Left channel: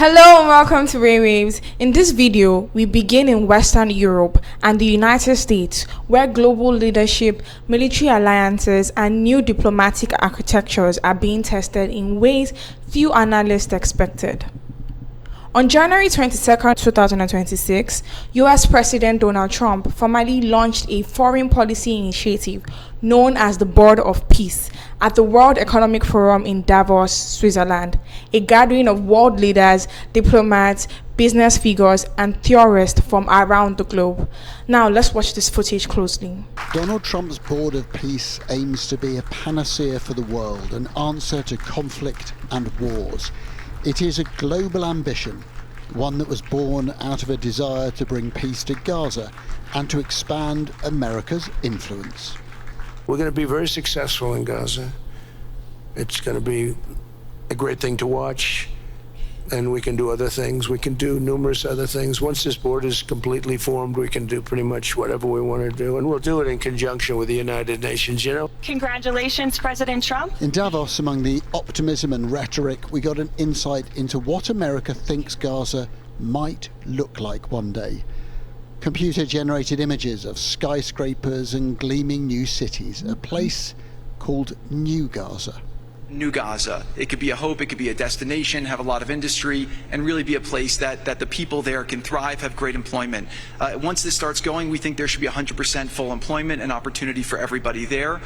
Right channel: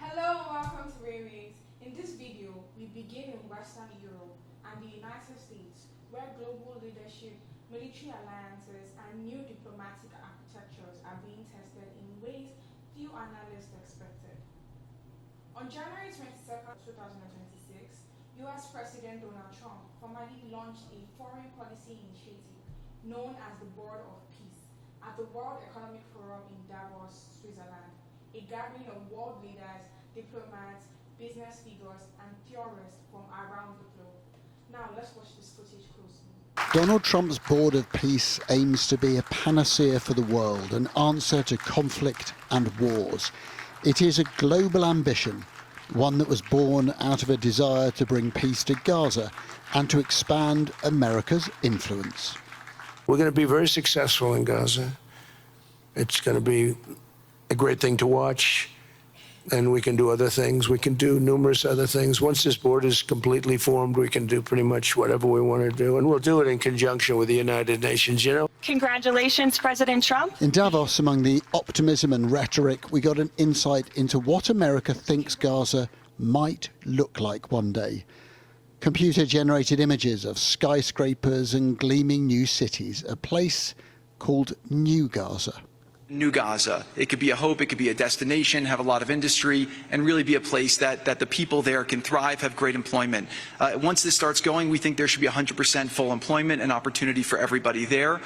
Hello and welcome to Waywayves. In this video, we begin in Western Europe and the United States, where global leadership, military alliances, and new diplomatic architectures are being tested in ways few analysts expected. On January 22, 2026, US President Donald Trump formally launched a foreign policy initiative known as the Board of Peace at the World Economic Forum in Davos, Switzerland, a gathering of world leaders, diplomats, business figures, and theorists from around the globe. Now, let's watch this footage closely. Donald Trump's Board of Peace aims to be a panacea for the world, an answer to conflict and wars. It is a global ambition, one that was born out of a desire to bring peace to Gaza and to expand America's influence. We're going to be very successful in Gaza. It's going to be a great thing to watch, and we can do other things. We can do numerous other things. Once this board is completely formed, we can do pretty much whatever we want to do, and we'll do it in conjunction with the United Nations, you know. Congratulations, President Trump. In Davos, among the optimism and rhetoric, we got an insight into what America thinks Gaza might look like one day. Computer-generated images of skyscrapers and gleaming new cities, a place called New Gaza. New Gaza. It could be a hope, it could be a destination, have a lot of industry, and really be a place that the people there can thrive, have great employment. Once this starts going, we think there should be 100% full employment and opportunity for everybody there.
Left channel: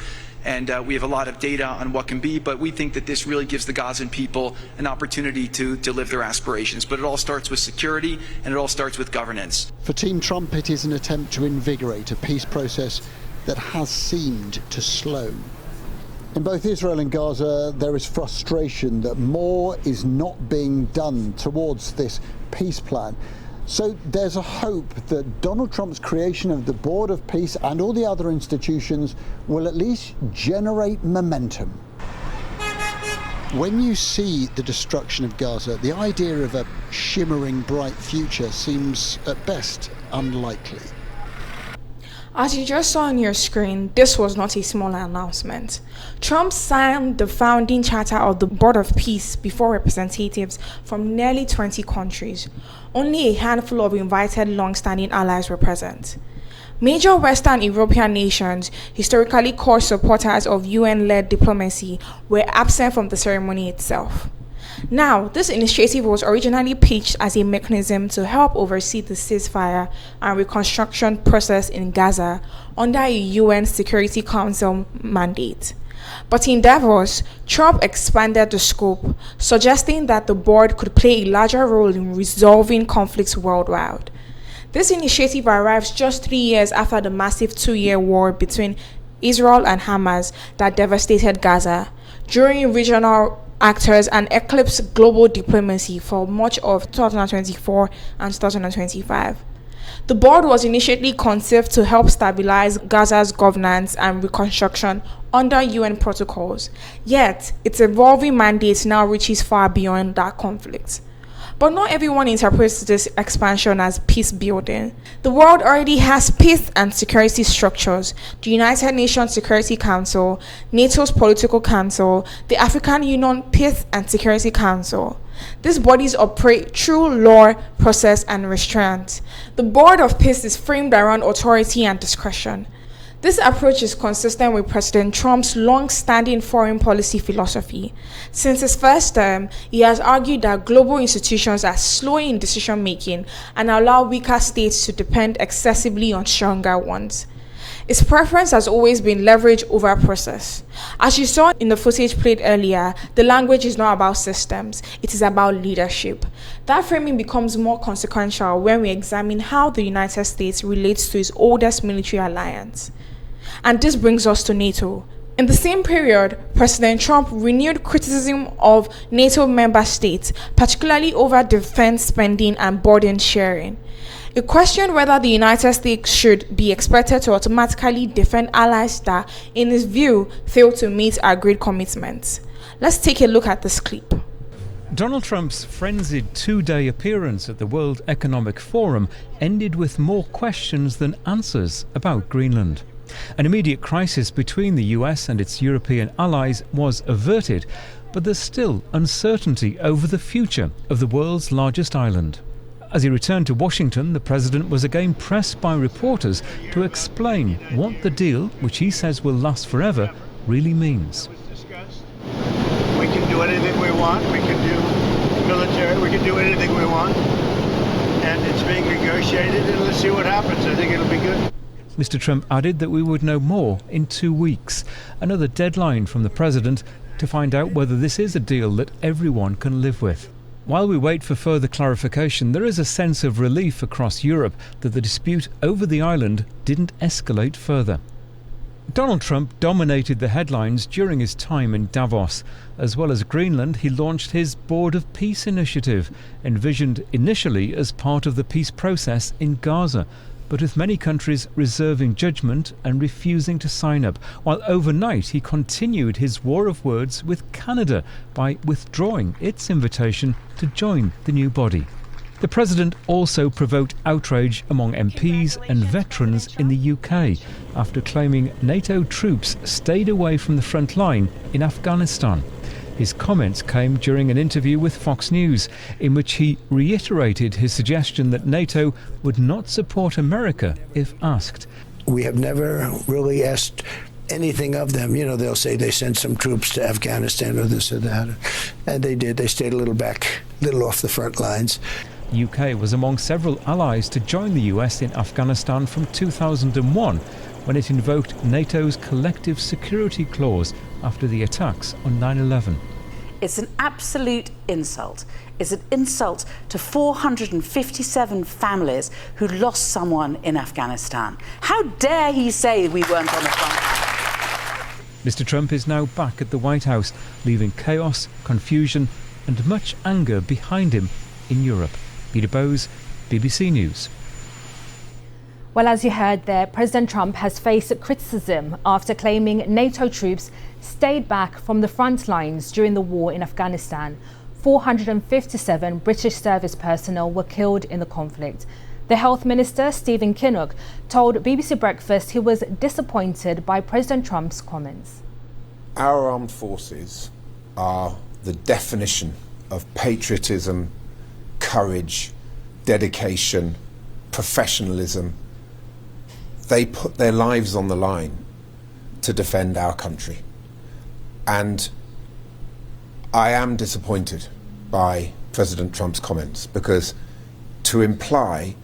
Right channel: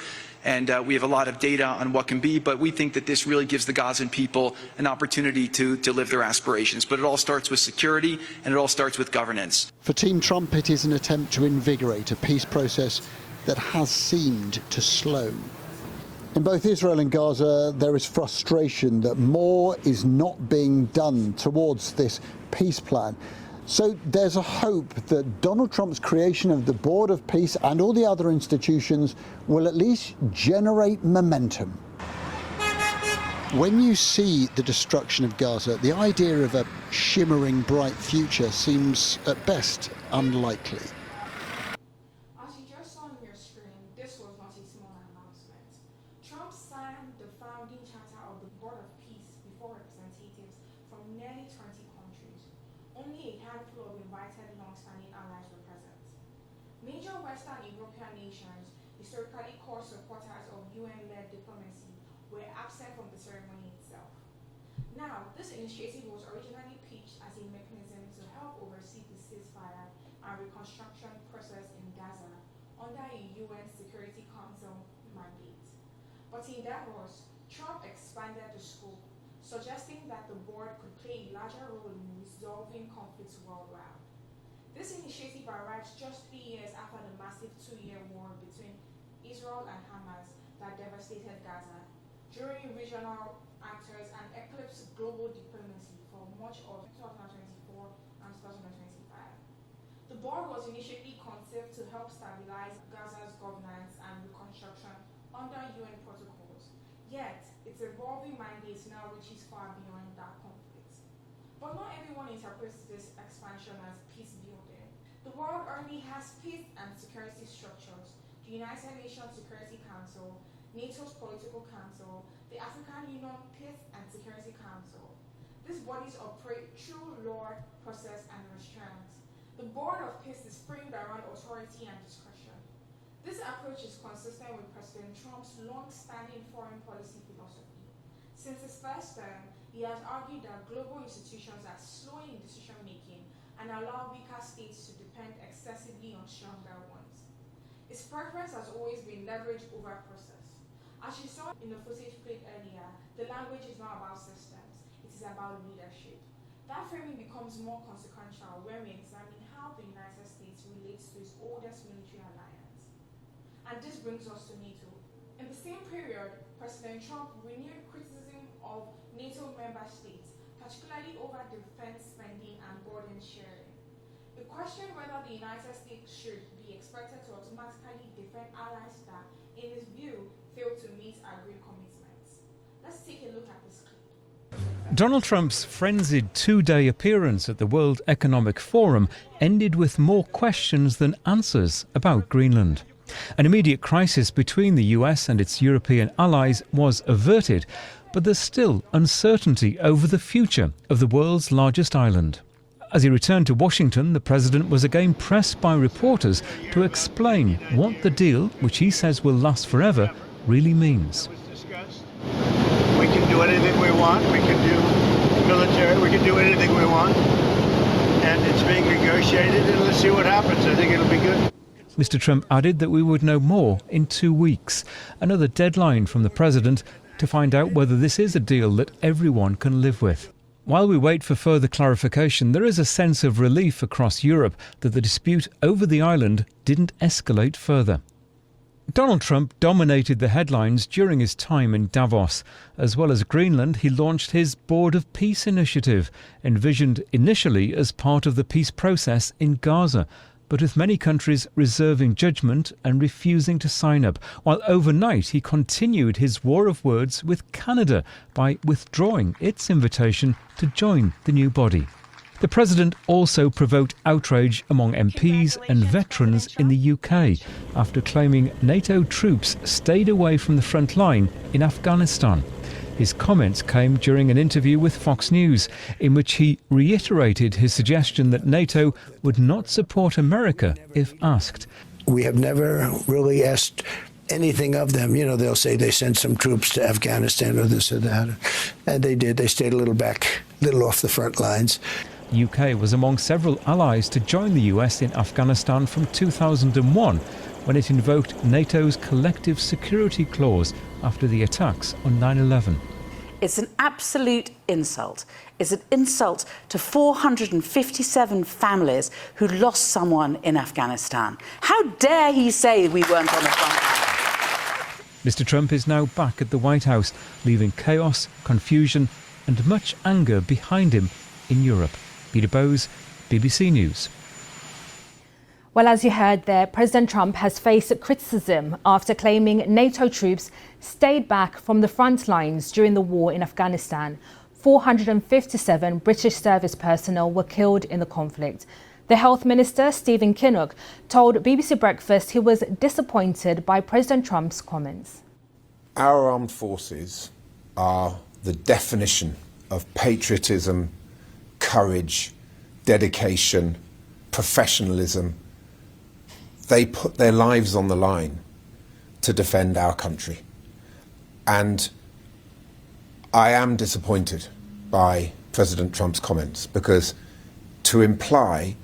And we have a lot of data on what can be, but we think that this really gives the Gazan people an opportunity to live their aspirations. But it all starts with security, and it all starts with governance. For Team Trump, it is an attempt to invigorate a peace process that has seemed to slow. In both Israel and Gaza, there is frustration that more is not being done towards this peace plan. So there's a hope that Donald Trump's creation of the Board of Peace and all the other institutions will at least generate momentum. When you see the destruction of Gaza, the idea of a shimmering bright future seems at best unlikely. As you just saw on your screen, this was not a small announcement. Trump signed the founding charter of the Board of Peace before representatives from nearly 20 countries. Only a handful of invited long-standing allies were present. Major Western European nations, historically core supporters of UN-led diplomacy, were absent from the ceremony itself. Now, this initiative was originally pitched as a mechanism to help oversee the ceasefire and reconstruction process in Gaza under a UN Security Council mandate. But in Davos, Trump expanded the scope, suggesting that the board could play a larger role in resolving conflicts worldwide. This initiative arrives just 3 years after the massive 2-year war between Israel and Hamas that devastated Gaza, during regional actors and eclipsed global diplomacy for much of 2024 and 2025. The board was initially conceived to help stabilize Gaza's governance and reconstruction under UN protocols, yet its evolving mandate now reaches far beyond that conflict. But not everyone interprets this expansion as peace building. The world already has peace and security structures: the United Nations Security Council, NATO's Political Council, the African Union Peace and Security Council. These bodies operate through law, process, and restraint. The Board of Peace is framed around authority and discretion. This approach is consistent with President Trump's long-standing foreign policy philosophy. Since his first term, he has argued that global institutions are slow in decision-making and allow weaker states to depend excessively on stronger ones. His preference has always been leverage over process. As you saw in the footage played earlier, the language is not about systems, it is about leadership. That framing becomes more consequential when we examine how the United States relates to its oldest military alliance. And this brings us to NATO. In the same period, President Trump renewed criticism of NATO member states, particularly over defense spending and burden sharing. He questioned whether the United States should be expected to automatically defend allies that, in his view, fail to meet agreed commitments. Let's take a look at this clip. Donald Trump's frenzied 2-day appearance at the World Economic Forum ended with more questions than answers about Greenland. An immediate crisis between the US and its European allies was averted, but there's still uncertainty over the future of the world's largest island. As he returned to Washington, the president was again pressed by reporters to explain what the deal, which he says will last forever, really means. We can do anything we want. We can do military. We can do anything we want. And it's being negotiated, and let's see what happens. I think it'll be good. Mr. Trump added that we would know more in 2 weeks. Another deadline from the president to find out whether this is a deal that everyone can live with. While we wait for further clarification, there is a sense of relief across Europe that the dispute over the island didn't escalate further. Donald Trump dominated the headlines during his time in Davos. As well as Greenland, he launched his Board of Peace initiative, envisioned initially as part of the peace process in Gaza, but with many countries reserving judgment and refusing to sign up, while overnight he continued his war of words with Canada by withdrawing its invitation to join the new body. The president also provoked outrage among MPs and veterans in the UK after claiming NATO troops stayed away from the front line in Afghanistan. His comments came during an interview with Fox News, in which he reiterated his suggestion that NATO would not support America if asked. We have never really asked anything of them. You know, they'll say they sent some troops to Afghanistan or this or that. And they did. They stayed a little back, a little off the front lines. The UK was among several allies to join the US in Afghanistan from 2001, when it invoked NATO's collective security clause after the attacks on 9/11. It's an absolute insult. It's an insult to 457 families who lost someone in Afghanistan. How dare he say we weren't on the front? Mr. Trump is now back at the White House, leaving chaos, confusion and much anger behind him in Europe. Peter Bowes, BBC News. Well, as you heard there, President Trump has faced criticism after claiming NATO troops stayed back from the front lines during the war in Afghanistan. 457 British service personnel were killed in the conflict. The Health Minister, Stephen Kinnock, told BBC Breakfast he was disappointed by President Trump's comments. Our armed forces are the definition of patriotism, courage, dedication, professionalism. They put their lives on the line to defend our country. And I am disappointed by President Trump's comments, because to imply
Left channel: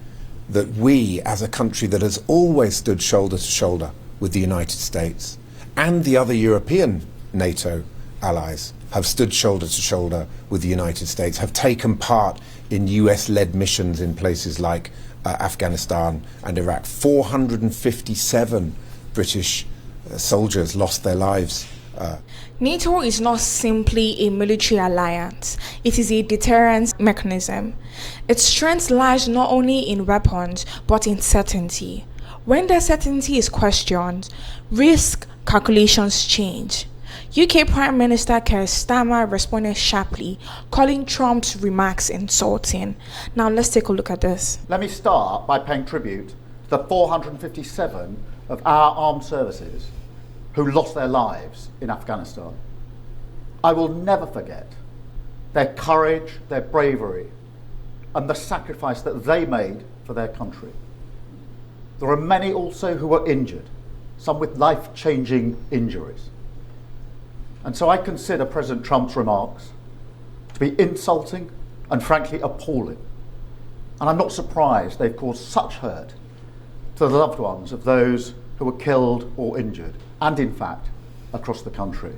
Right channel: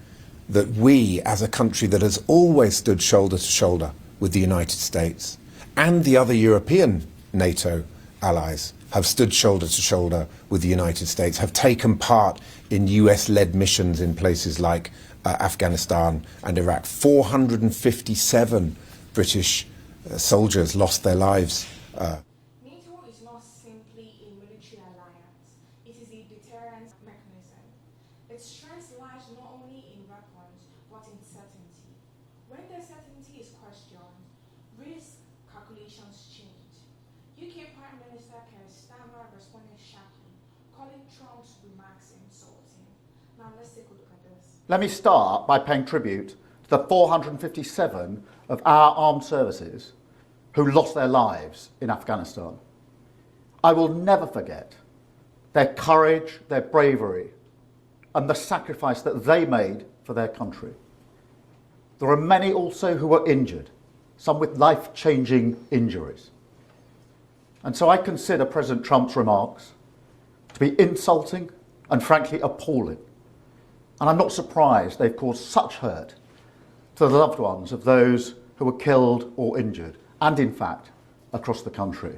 that we, as a country that has always stood shoulder to shoulder with the United States and the other European NATO allies, have stood shoulder to shoulder with the United States, have taken part in US-led missions in places like Afghanistan and Iraq. 457 British soldiers lost their lives. NATO is not simply a military alliance, it is a deterrence mechanism. Its strength lies not only in weapons, but in certainty. When the certainty is questioned, risk calculations change. UK Prime Minister Keir Starmer responded sharply, calling Trump's remarks insulting. Now let's take a look at this. Let me start by paying tribute to the 457 of our armed services who lost their lives in Afghanistan. I will never forget their courage, their bravery, and the sacrifice that they made for their country. There are many also who were injured, some with life-changing injuries. And so I consider President Trump's remarks to be insulting and frankly appalling. And I'm not surprised they've caused such hurt to the loved ones of those who were killed or injured, and in fact, across the country.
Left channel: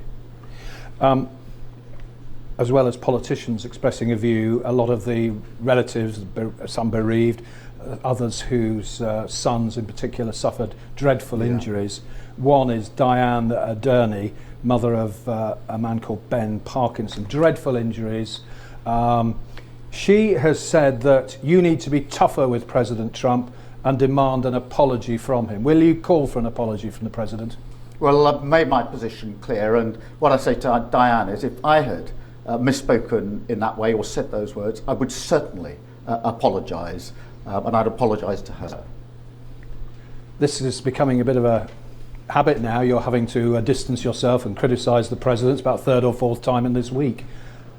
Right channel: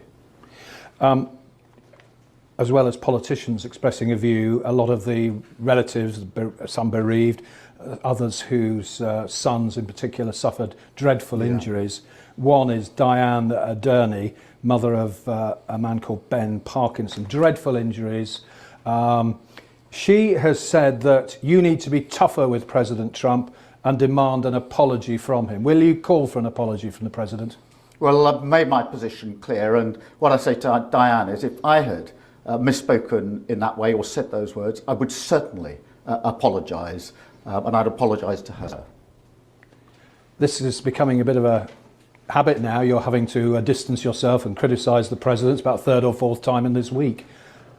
As well as politicians expressing a view, a lot of the relatives, some bereaved, others whose sons in particular suffered dreadful injuries. One is Diane Durney, mother of a man called Ben Parkinson, dreadful injuries. She has said that you need to be tougher with President Trump and demand an apology from him. Will you call for an apology from the President? Well, I've made my position clear, and what I say to Diane is if I had misspoken in that way or said those words, I would certainly apologise, and I'd apologise to her. This is becoming a bit of a habit now. You're having to distance yourself and criticise the president. It's about third or fourth time in this week.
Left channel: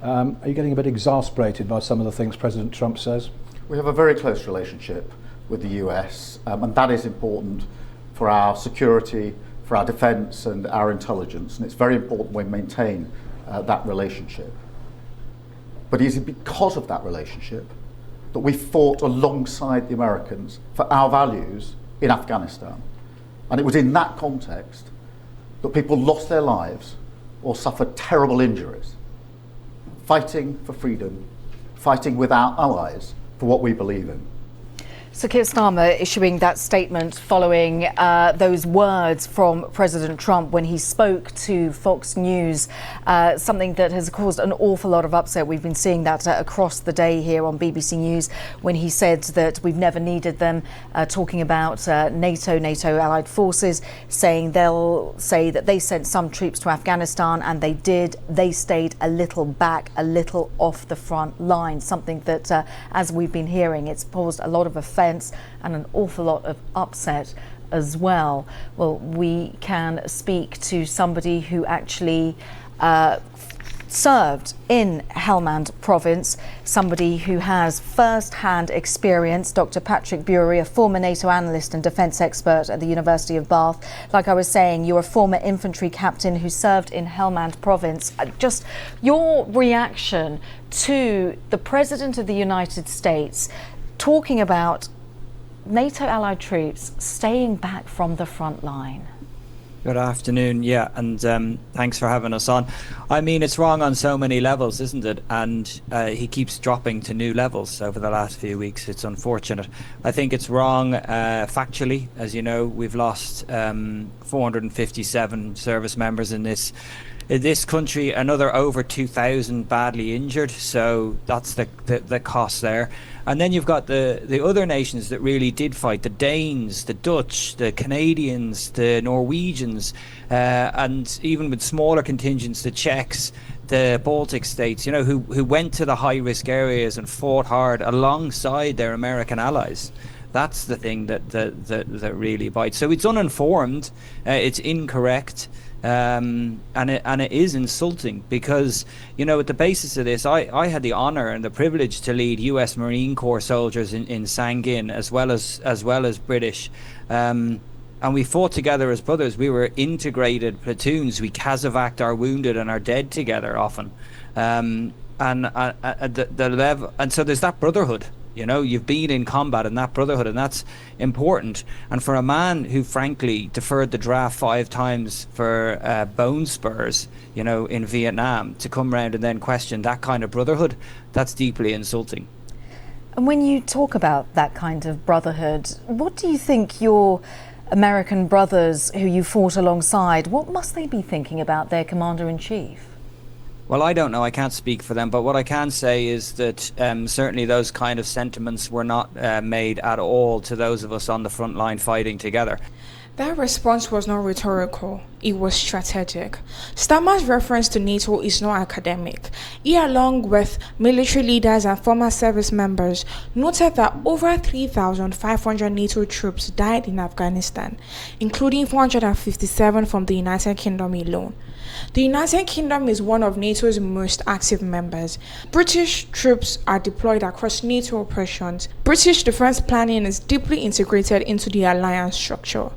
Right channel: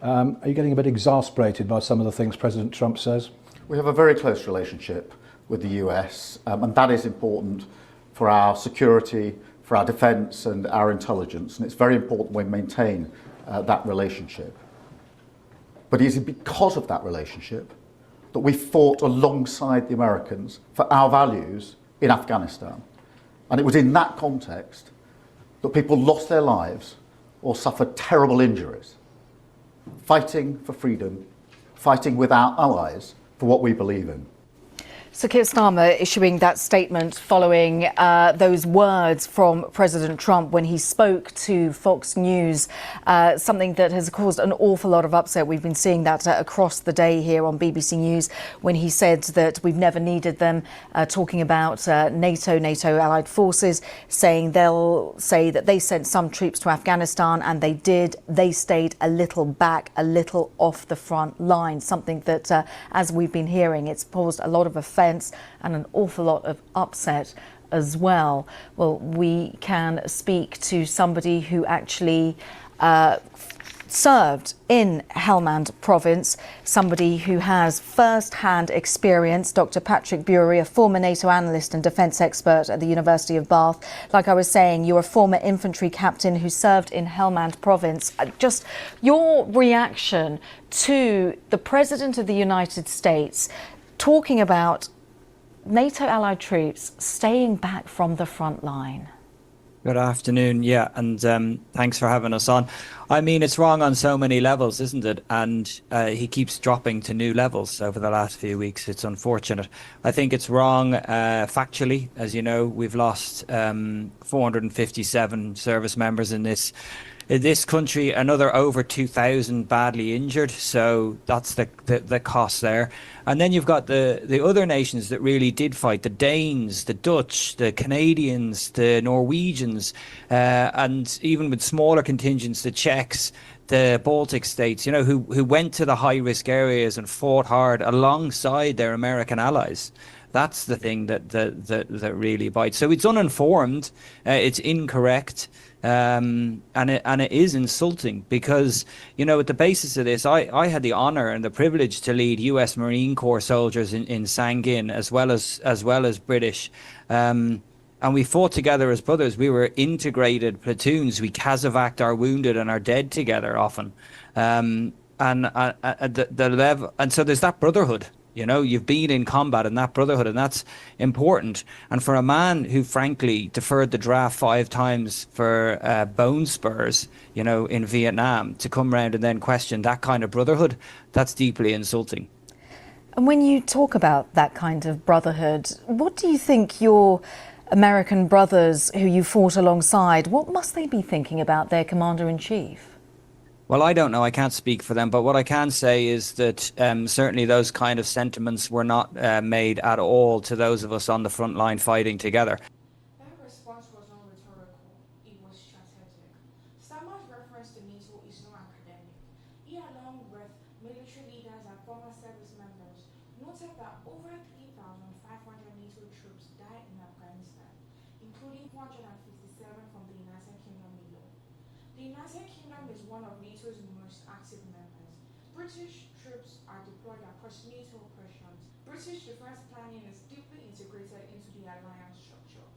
Are you getting a bit exasperated by some of the things President Trump says? We have a very close relationship with the US, and that is important for our security, for our defence and our intelligence, and it's very important we maintain that relationship. But it is because of that relationship that we fought alongside the Americans for our values in Afghanistan. And it was in that context that people lost their lives or suffered terrible injuries, fighting for freedom, fighting with our allies for what we believe in. So Keir Starmer issuing that statement following those words from President Trump when he spoke to Fox News, something that has caused an awful lot of upset. We've been seeing that across the day here on BBC News when he said that we've never needed them, talking about NATO allied forces, saying they'll say that they sent some troops to Afghanistan, and they did. They stayed a little back, a little off the front line, something that, as we've been hearing, it's caused a lot of offence and an awful lot of upset as well. Well, we can speak to somebody who actually served in Helmand province, somebody who has first-hand experience, Dr. Patrick Bury, a former NATO analyst and defence expert at the University of Bath. Like I was saying, you're a former infantry captain who served in Helmand province. Just your reaction to the President of the United States talking about NATO allied troops staying back from the front line. Good afternoon, yeah, and thanks for having us on. I mean, it's wrong on so many levels, isn't it? And he keeps dropping to new levels over the last few weeks. It's unfortunate. I think it's wrong factually. As you know, we've lost 457 service members in this country, another over 2,000 badly injured, so that's the cost there. And then you've got the other nations that really did fight, the Danes, the Dutch, the Canadians, the Norwegians, and even with smaller contingents, the Czechs, the Baltic states, you know, who went to the high-risk areas and fought hard alongside their American allies. That's the thing that really bites. So it's uninformed, it's incorrect. And it is insulting because, you know, at the basis of this, I had the honor and the privilege to lead US Marine Corps soldiers in Sangin as well as British, and we fought together as brothers. We were integrated platoons. We casevaced our wounded and our dead together often, and the level, and so there's that brotherhood. You know, you've been in combat in that brotherhood, and that's important. And for a man who, frankly, deferred the draft 5 times for bone spurs, you know, in Vietnam, to come round and then question that kind of brotherhood, that's deeply insulting. And when you talk about that kind of brotherhood, what do you think your American brothers who you fought alongside, what must they be thinking about their Commander-in-Chief? Well, I don't know. I can't speak for them. But what I can say is that certainly those kind of sentiments were not made at all to those of us on the front line fighting together. That response was not rhetorical, it was strategic. Starmer's reference to NATO is not academic. He, along with military leaders and former service members, noted that over 3,500 NATO troops died in Afghanistan, including 457 from the United Kingdom alone. The United Kingdom is one of NATO's most active members. British troops are deployed across NATO operations. British defense planning is deeply integrated into the alliance structure.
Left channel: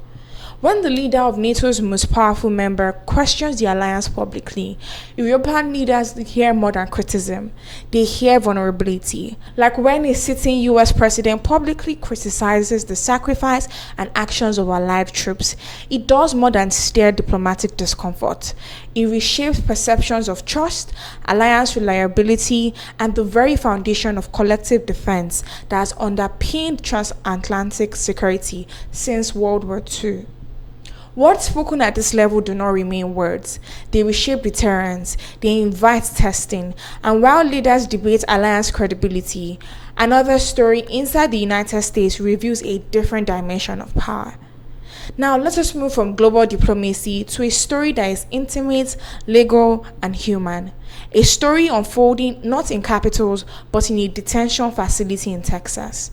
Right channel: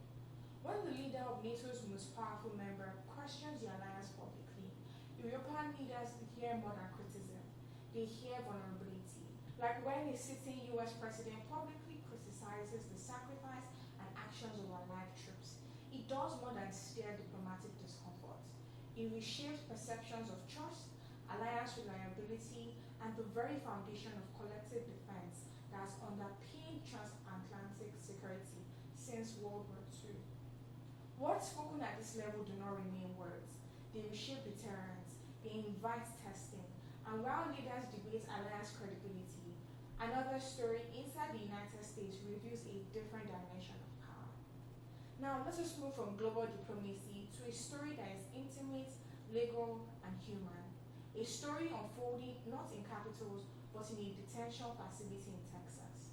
When the leader of NATO's most powerful member questions the alliance publicly, European leaders hear more than criticism. They hear vulnerability. Like when a sitting US president publicly criticizes the sacrifice and actions of allied troops, it does more than stir diplomatic discomfort. It reshapes perceptions of trust, alliance reliability, and the very foundation of collective defense that has underpinned transatlantic security since World War II. Words spoken at this level do not remain words. They reshape deterrence, they invite testing, and while leaders debate alliance credibility, another story inside the United States reveals a different dimension of power. Now let us move from global diplomacy to a story that is intimate, legal, and human. A story unfolding not in capitals, but in a detention facility in Texas.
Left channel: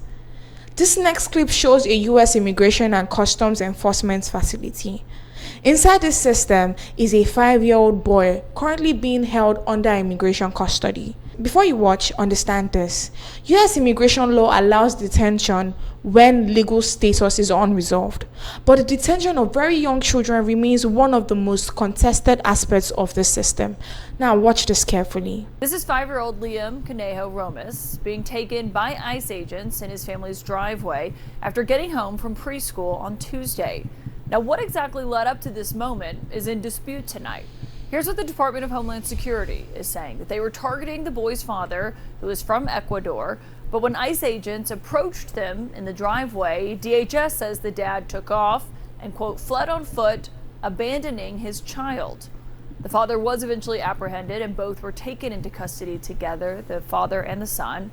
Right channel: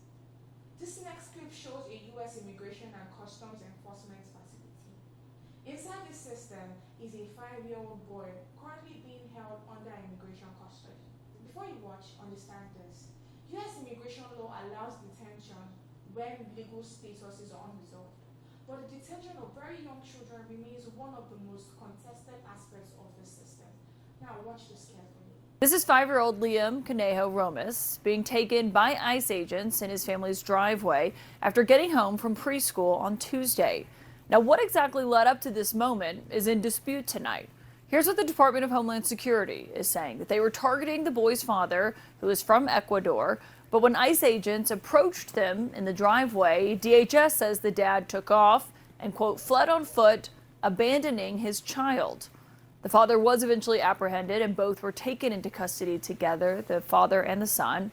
This next clip shows a U.S. Immigration and Customs Enforcement facility. Inside this system is a 5-year-old boy currently being held under immigration custody. Before you watch, understand this. US immigration law allows detention when legal status is unresolved. But the detention of very young children remains one of the most contested aspects of the system. Now watch this carefully. This is 5-year-old Liam Conejo Romas being taken by ICE agents in his family's driveway after getting home from preschool on Tuesday. Now, what exactly led up to this moment is in dispute tonight. Here's what the Department of Homeland Security is saying, that they were targeting the boy's father, who is from Ecuador, but when ICE agents approached them in the driveway, DHS says the dad took off and, quote, fled on foot, abandoning his child. The father was eventually apprehended and both were taken into custody together, the father and the son.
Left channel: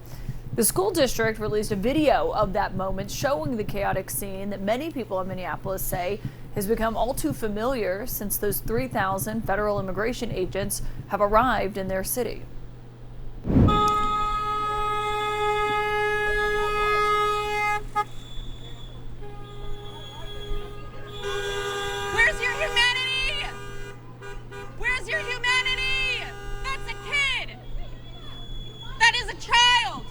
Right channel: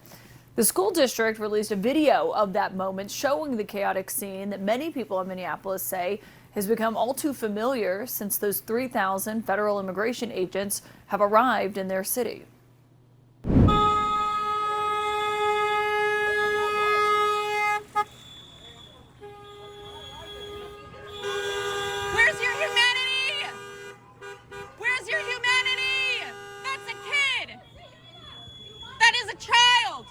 The school district released a video of that moment showing the chaotic scene that many people in Minneapolis say has become all too familiar since those 3,000 federal immigration agents have arrived in their city. Where's your humanity? Where's your humanity? That's a kid. That is a child.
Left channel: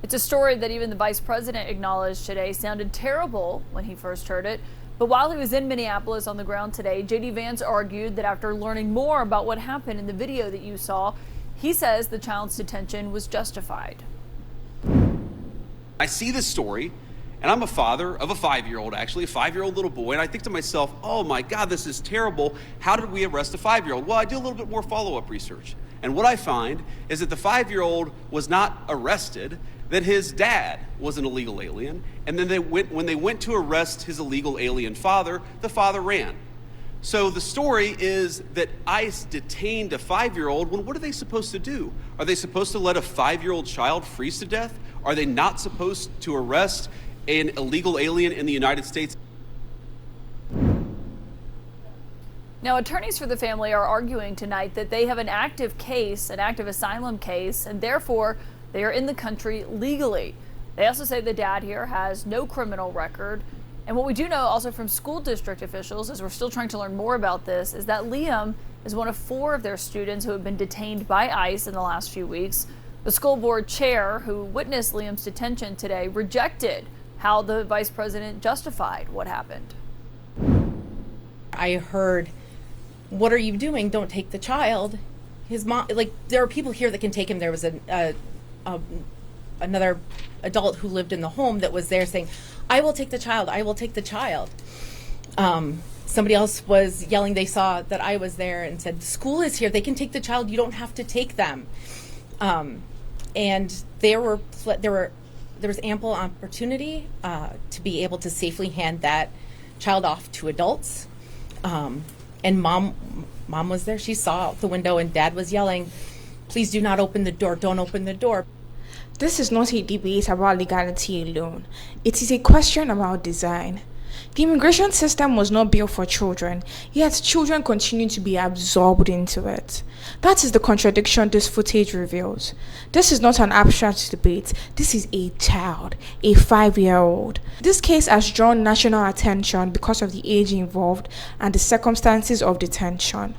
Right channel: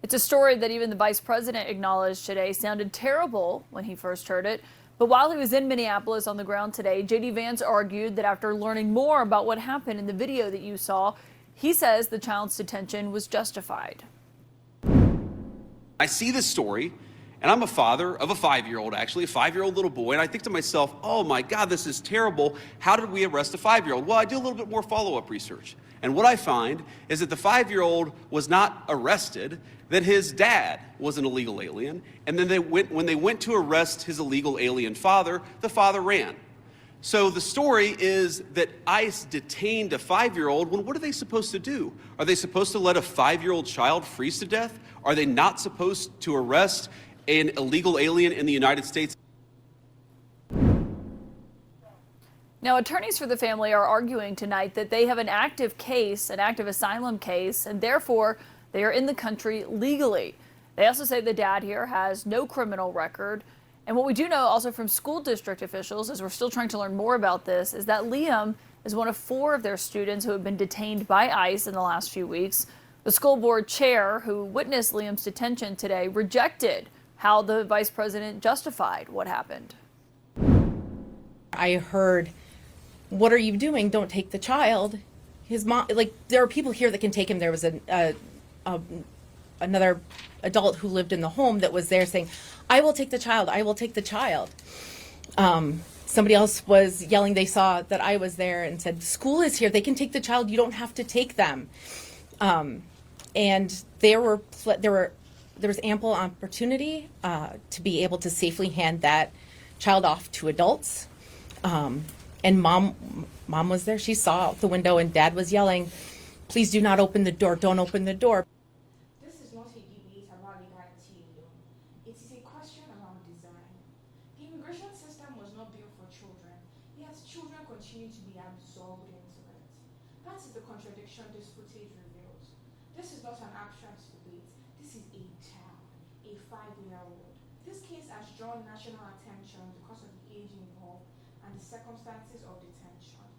It's a story that even the vice president acknowledged today sounded terrible when he first heard it. But while he was in Minneapolis on the ground today, J.D. Vance argued that after learning more about what happened in the video that you saw, he says the child's detention was justified. I see this story, and I'm a father of a 5-year-old, actually, a 5-year-old little boy, and I think to myself, oh my God, this is terrible. How did we arrest a 5-year-old? Well, I do a little bit more follow-up research. And what I find is that the 5-year-old was not arrested, that his dad was an illegal alien, and then when they went to arrest his illegal alien father, the father ran. So the story is that ICE detained a 5-year-old when what are they supposed to do? Are they supposed to let a 5-year-old child freeze to death? Are they not supposed to arrest an illegal alien in the United States? Now, attorneys for the family are arguing tonight that they have an active case, an active asylum case, and therefore they are in the country legally. They also say the dad here has no criminal record. And what we do know also from school district officials, as we're still trying to learn more about this, is that Liam is one of 4 of their students who have been detained by ICE in the last few weeks. The school board chair who witnessed Liam's detention today rejected how the vice president justified what happened. I heard, "What are you doing? Don't take the child." His mom, like, there are people here that can take him. There was another adult who lived in the home that was there saying, "I will take the child. I will take the child." Somebody else was yelling. They saw that I was there and said, "The school is here. They can take the child. You don't have to take them." And there was ample opportunity to be able to safely hand that child off to adults. And mom was there. She saw out the window, and dad was yelling, "Please do not open the door. Don't open the door." This is not a debate about legality alone. It is a question about design. The immigration system was not built for children, yet children continue to be absorbed into it. That is the contradiction this footage reveals. This is not an abstract debate. This is a child, a 5-year-old. This case has drawn national attention because of the age involved and the circumstances of detention.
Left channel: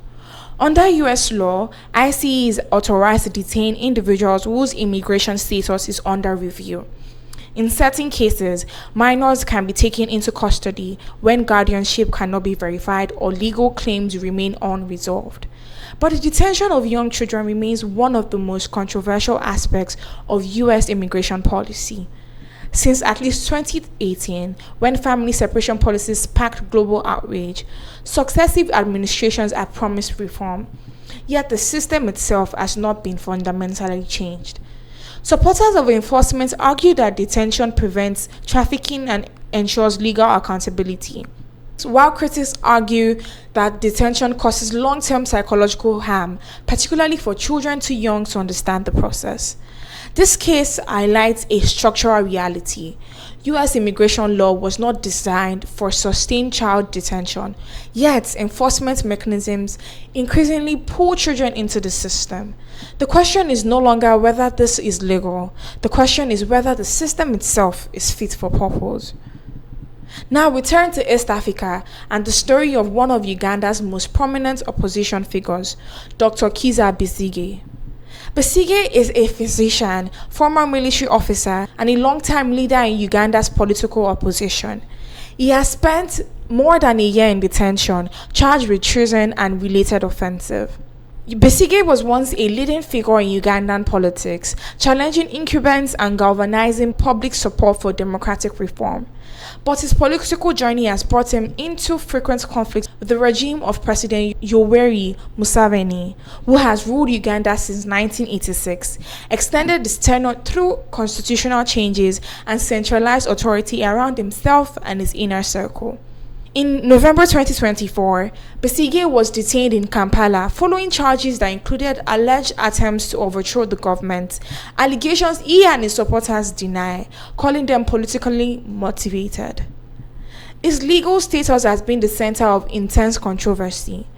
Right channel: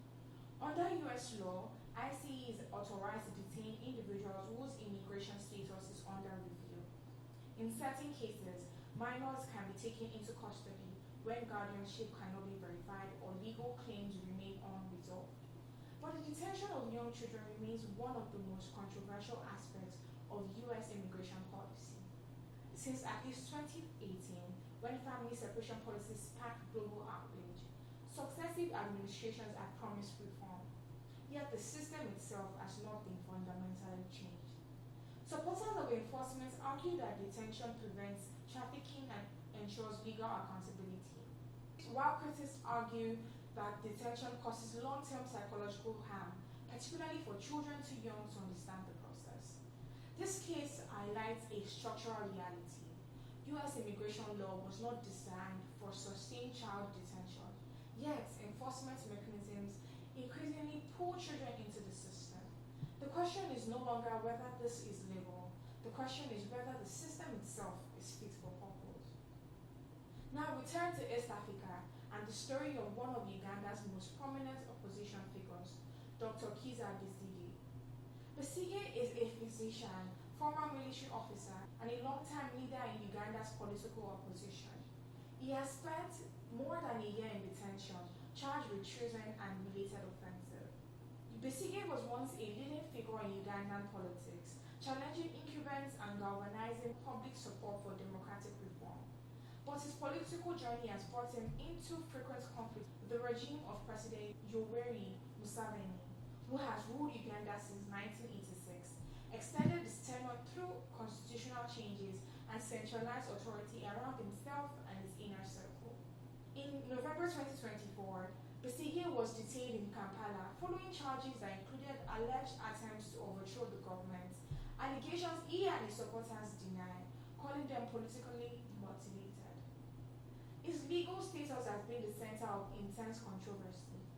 Under US law, ICE is authorized to detain individuals whose immigration status is under review. In certain cases, minors can be taken into custody when guardianship cannot be verified or legal claims remain unresolved. But the detention of young children remains one of the most controversial aspects of US immigration policy. Since at least 2018, when family separation policies sparked global outrage, successive administrations have promised reform, yet the system itself has not been fundamentally changed. Supporters of enforcement argue that detention prevents trafficking and ensures legal accountability, while critics argue that detention causes long-term psychological harm, particularly for children too young to understand the process. This case highlights a structural reality. US immigration law was not designed for sustained child detention, yet enforcement mechanisms increasingly pull children into the system. The question is no longer whether this is legal. The question is whether the system itself is fit for purpose. Now we turn to East Africa and the story of one of Uganda's most prominent opposition figures, Dr. Kizza Besigye. Besigye is a physician, former military officer, and a long-time leader in Uganda's political opposition. He has spent more than a year in detention, charged with treason and related offenses. Besigye was once a leading figure in Ugandan politics, challenging incumbents and galvanizing public support for democratic reform. But his political journey has brought him into frequent conflicts with the regime of President Yoweri Museveni, who has ruled Uganda since 1986, extended his tenure through constitutional changes, and centralized authority around himself and his inner circle. In November 2024, Besigye was detained in Kampala following charges that included alleged attempts to overthrow the government, allegations he and his supporters deny, calling them politically motivated. His legal status has been the center of intense controversy.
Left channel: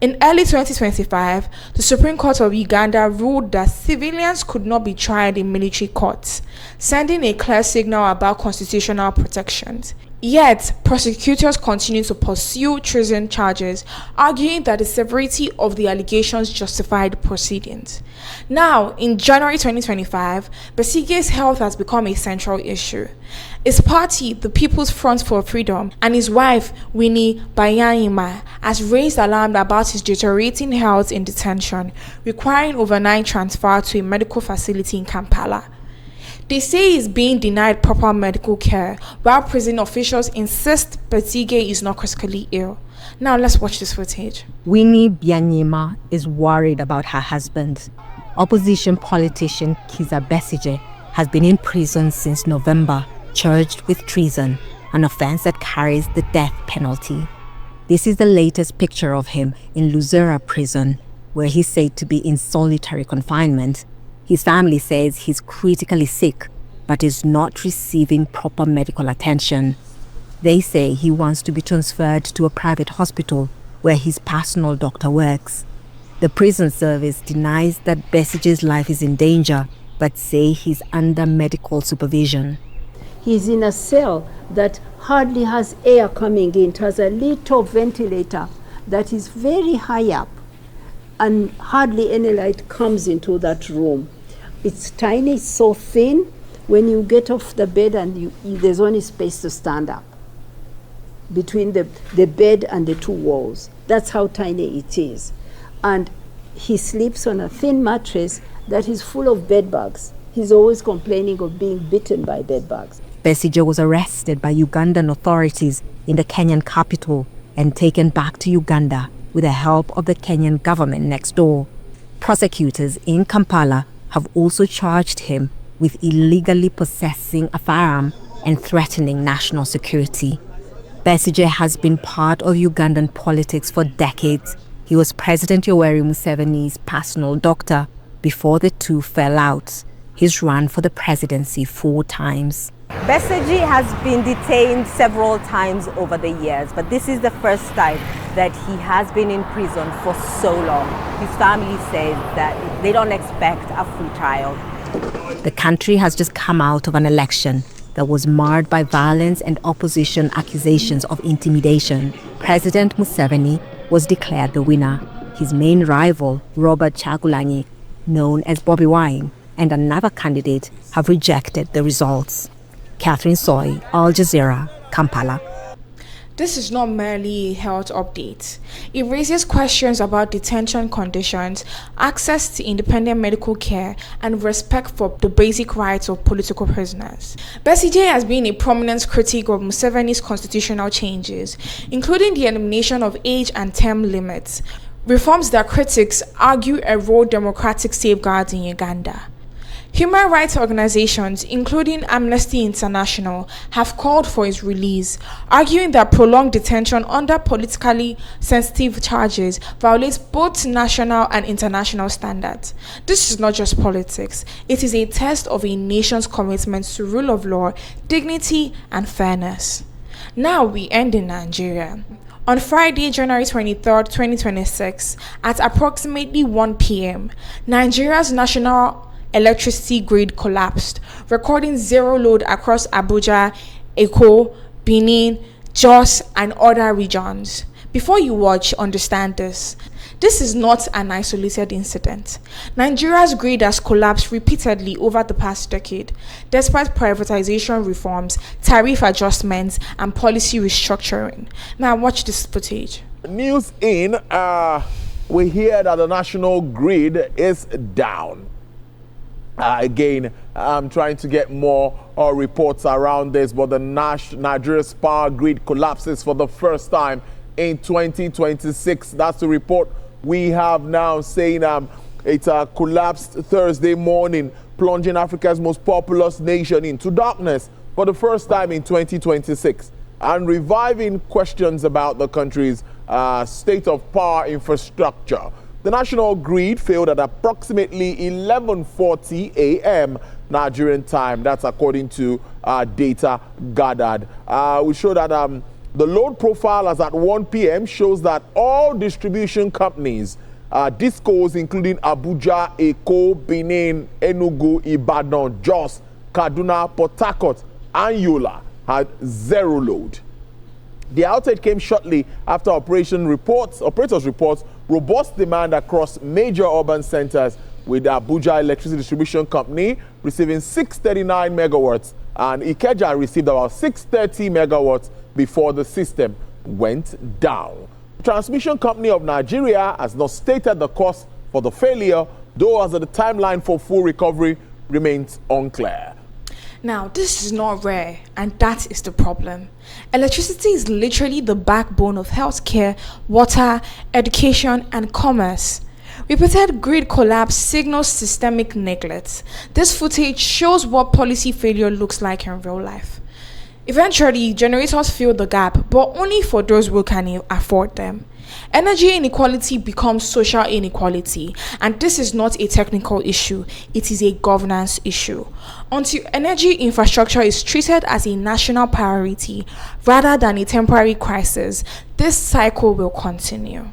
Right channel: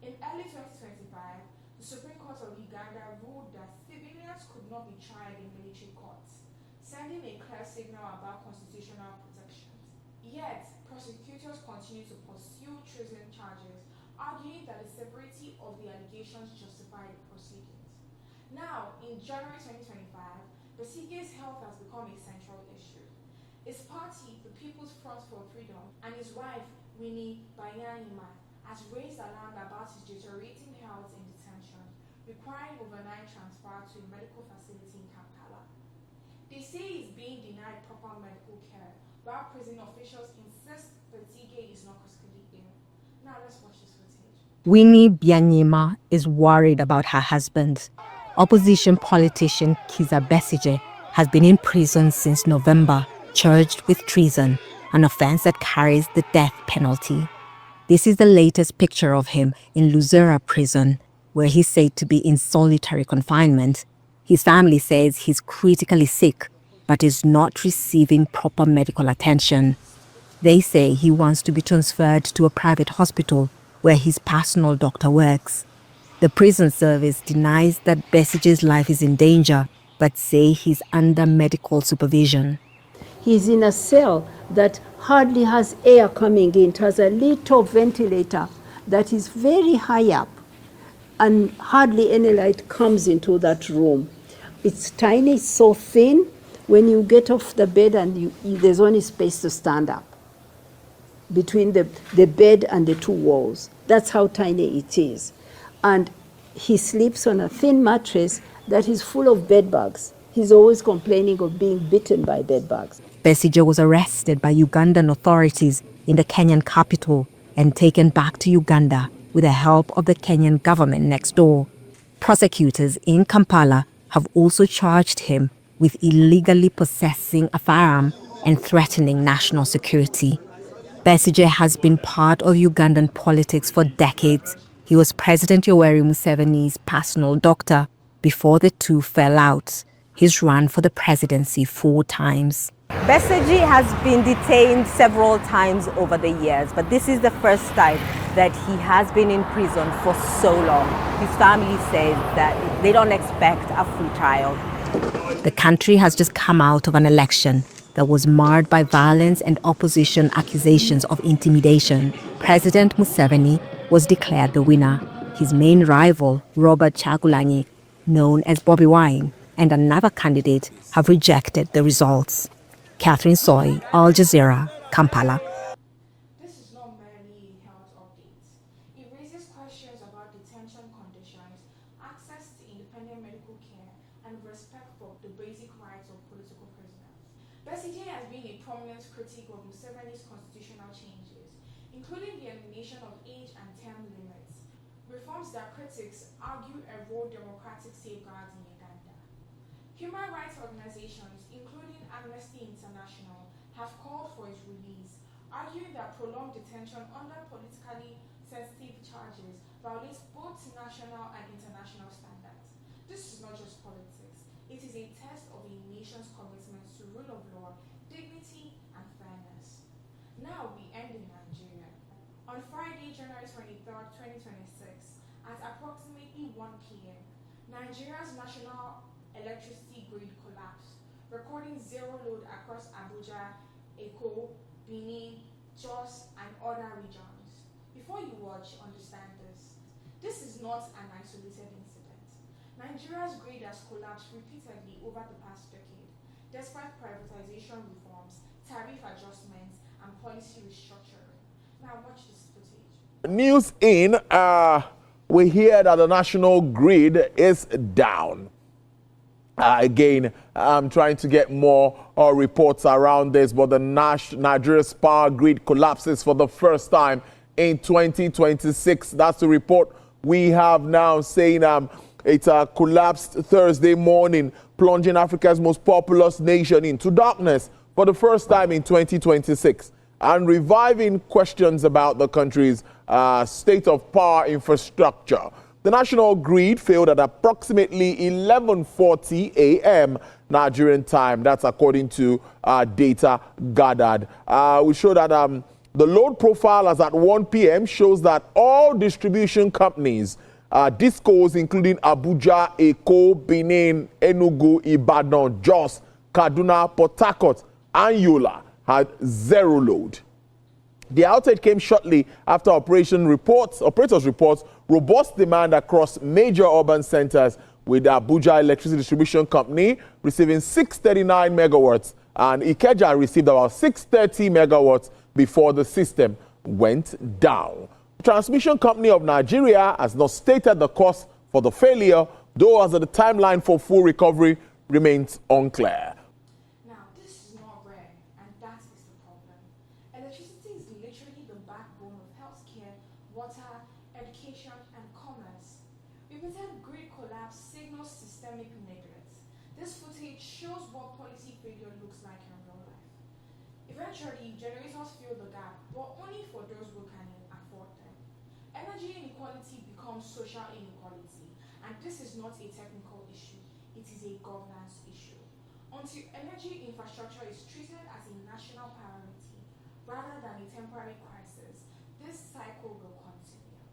In early 2025, the Supreme Court of Uganda ruled that civilians could not be tried in military courts, sending a clear signal about constitutional protections. Yet, prosecutors continue to pursue treason charges, arguing that the severity of the allegations justified proceedings. Now, in January 2025, Besigye's health has become a central issue. His party, the People's Front for Freedom, and his wife, Winnie Byanyima, has raised alarm about his deteriorating health in detention, requiring overnight transfer to a medical facility in Kampala. They say he's being denied proper medical care, while prison officials insist Besigye is not critically ill. Now let's watch this footage. Winnie Byanyima is worried about her husband. Opposition politician Kizza Besigye has been in prison since November, charged with treason, an offense that carries the death penalty. This is the latest picture of him in Luzera prison, where he's said to be in solitary confinement. His family says he's critically sick, but is not receiving proper medical attention. They say he wants to be transferred to a private hospital where his personal doctor works. The prison service denies that Besigye's life is in danger, but say he's under medical supervision. He's in a cell that hardly has air coming in. It has a little ventilator that is very high up, and hardly any light comes into that room. It's tiny, it's so thin. When you get off the bed and there's only space to stand up between the bed and the two walls. That's how tiny it is. And he sleeps on a thin mattress that is full of bed bugs. He's always complaining of being bitten by bed bugs. Besigye was arrested by Ugandan authorities in the Kenyan capital and taken back to Uganda with the help of the Kenyan government next door. Prosecutors in Kampala have also charged him with illegally possessing a firearm and threatening national security. Besigye has been part of Ugandan politics for decades. He was President Yoweri Museveni's personal doctor before the two fell out. He's run for the presidency 4 times. Besigye has been detained several times over the years, but this is the first time that he has been in prison for so long. His family says that they don't expect a free trial. The country has just come out of an election that was marred by violence and opposition accusations of intimidation. President Museveni was declared the winner. His main rival, Robert Kyagulanyi, known as Bobi Wine, and another candidate have rejected the results. Catherine Soy, Al Jazeera, Kampala. This is not merely a health update. It raises questions about detention conditions, access to independent medical care, and respect for the basic rights of political prisoners. Besigye has been a prominent critic of Museveni's constitutional changes, including the elimination of age and term limits, reforms that critics argue erode democratic safeguards in Uganda. Human rights organizations, including Amnesty International, have called for his release, arguing that prolonged detention under politically sensitive charges violates both national and international standards. This is not just politics. It is a test of a nation's commitment to rule of law, dignity, and fairness. Now we end in Nigeria. On Friday, January 23rd, 2026, at approximately 1 p.m., Nigeria's national electricity grid collapsed, recording zero load across Abuja, Eko, Benin, Jos, and other regions. Before you watch, understand this. This is not an isolated incident. Nigeria's grid has collapsed repeatedly over the past decade, despite privatization reforms, tariff adjustments, and policy restructuring. Now watch this footage. News in, we hear that the national grid is down. Again, I'm trying to get more reports around this, but the Nigeria's power grid collapses for the first time in 2026. That's the report we have now, saying it collapsed Thursday morning, plunging Africa's most populous nation into darkness for the first time in 2026, and reviving questions about the country's state of power infrastructure. The national grid failed at approximately 11:40 a.m. Nigerian time. That's according to data gathered. We show that the load profile as at 1 p.m. shows that all distribution companies, discos including Abuja, Eko, Benin, Enugu, Ibadan, Jos, Kaduna, Port Harcourt, and Yola, had zero load. The outage came shortly after operators report robust demand across major urban centers, with Abuja Electricity Distribution Company receiving 639 megawatts and Ikeja received about 630 megawatts before the system went down. The Transmission Company of Nigeria has not stated the cause for the failure, though as the timeline for full recovery remains unclear. Now, this is not rare, and that is the problem. Electricity is literally the backbone of healthcare, water, education, and commerce. Repeated grid collapse signals systemic neglect. This footage shows what policy failure looks like in real life. Eventually, generators fill the gap, but only for those who can afford them. Energy inequality becomes social inequality, and this is not a technical issue, it is a governance issue. Until energy infrastructure is treated as a national priority rather than a temporary crisis, this cycle will continue.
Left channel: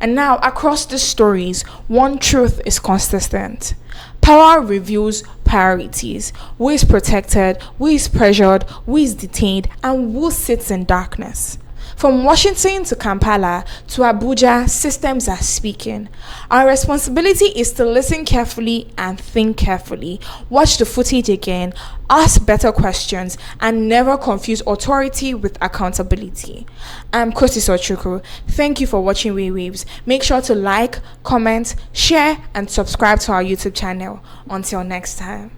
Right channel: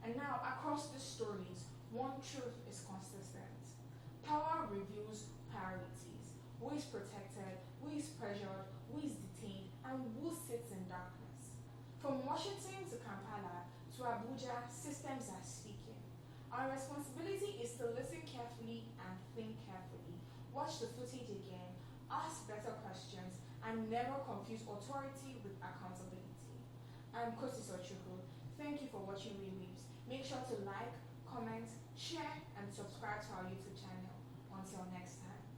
And now, across the stories, one truth is consistent. Power reveals priorities. Who is protected, who is pressured, who is detained, and who sits in darkness. From Washington to Kampala to Abuja, systems are speaking. Our responsibility is to listen carefully and think carefully. Watch the footage again, ask better questions, and never confuse authority with accountability. I'm Kosi Sochukwu. Thank you for watching Waywayves. Make sure to like, comment, share, and subscribe to our YouTube channel. Until next time.